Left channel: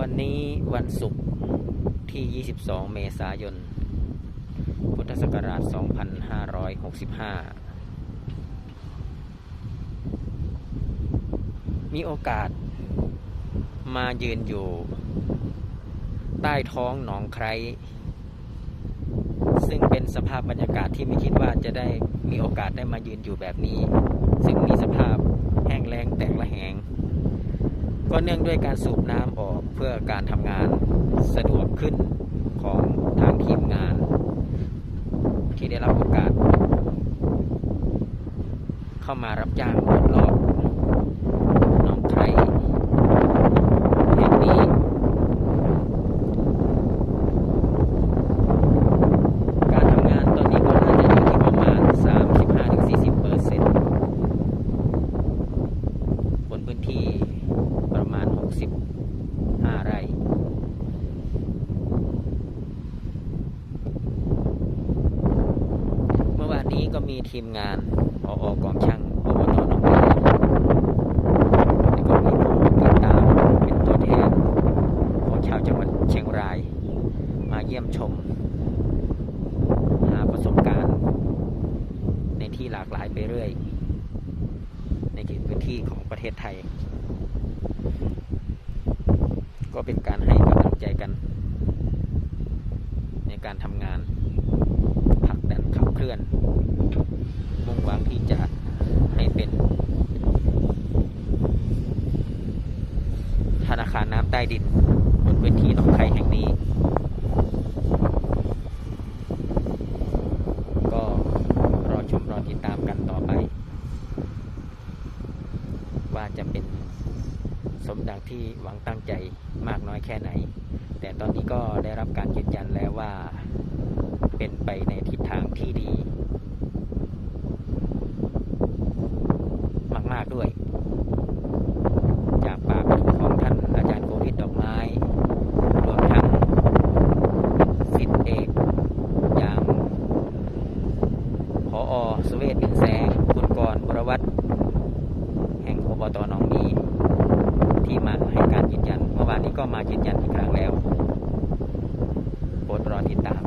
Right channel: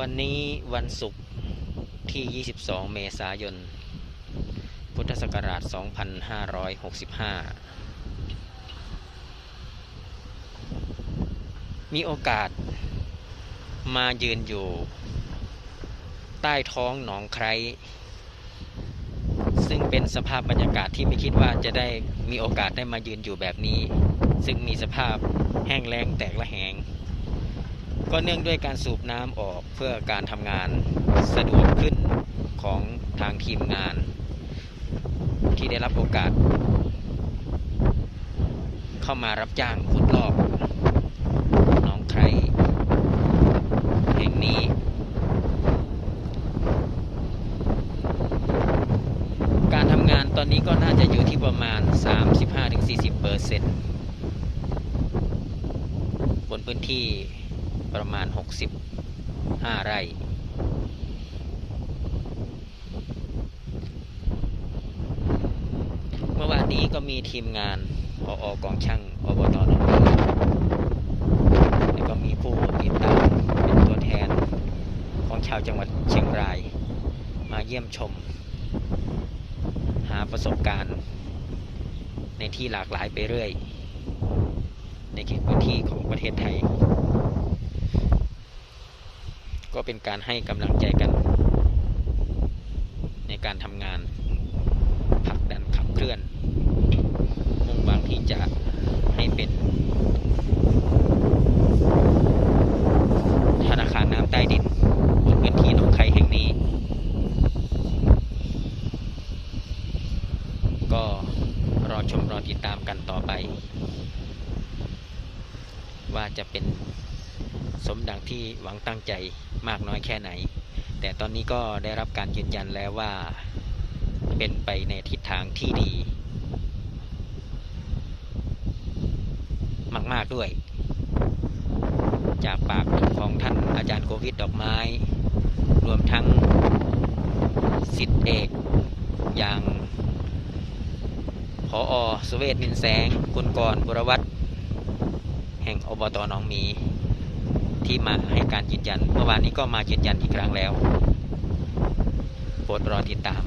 วันนี้วันศุกร์ที่ 22 เมษายน พุทธศักราช 2565 มีโอกาสมายืนอยู่ ใต้ท้องหนองไครซึ่งเป็นสภาพบรรยากาศที่ไม่คิดว่าจะได้มีโอกาสได้มายืนอยู่แบบนี้ ซึ่งมีสภาพแห้งแล้งแตกละแหง ก็เนื่องด้วยการสูบน้ำออกเพื่อการทำงานสะดวกขึ้นของทางทีมงาน ที่ได้รับโอกาส เข้ามารับจ้างขุดลอกน้องไครแห่งนี้ การทำงานตอนนี้ก็น่าจะอยู่ที่ประมาณ 35-40เปอร์เซ็นต์บนพื้นที่ 65 ไร่เมื่อวานนี้ก็มีทีมงานออกองช่างอบตหนองแล้วก็มีผู้ติดตามเป็นตัวแทนของชาวจังหวัดเชียงราย มาเยี่ยมชม หาประสบการณ์ ในที่หลากหลายไปเรื่อย ในเขตพื้นที่ของประเทศไทย ก็เป็นการให้กำลังใจกัน ในการทำงานผลักดันขับเคลื่อน มุ่งหวังที่จะให้เป็น ธนาคารน้ำใต้ดินบนพื้นที่หนองไครแห่งนี้ ก็รอชมรอติดตามกันต่อไป ว่าจะเป็น สมดังที่หวังตั้งใจมากน้อยแค่ไหน แต่ตอนนี้ก็ได้รับการยืนยันแล้วว่าเป็นไปในทิศทางที่ดี มากๆด้วย จากปากของท่านอาจารย์โควิดดอกไม้ รวมทั้งสิทธิเอกอย่างพออสเวตบินแสง คุณกรบุรวัตรแห่งอบตหนองมี ที่มาให้การยืนยัน เมื่อวานนี้ก็มายืนยันอีกครั้งแล้ว โปรดรอติดตาม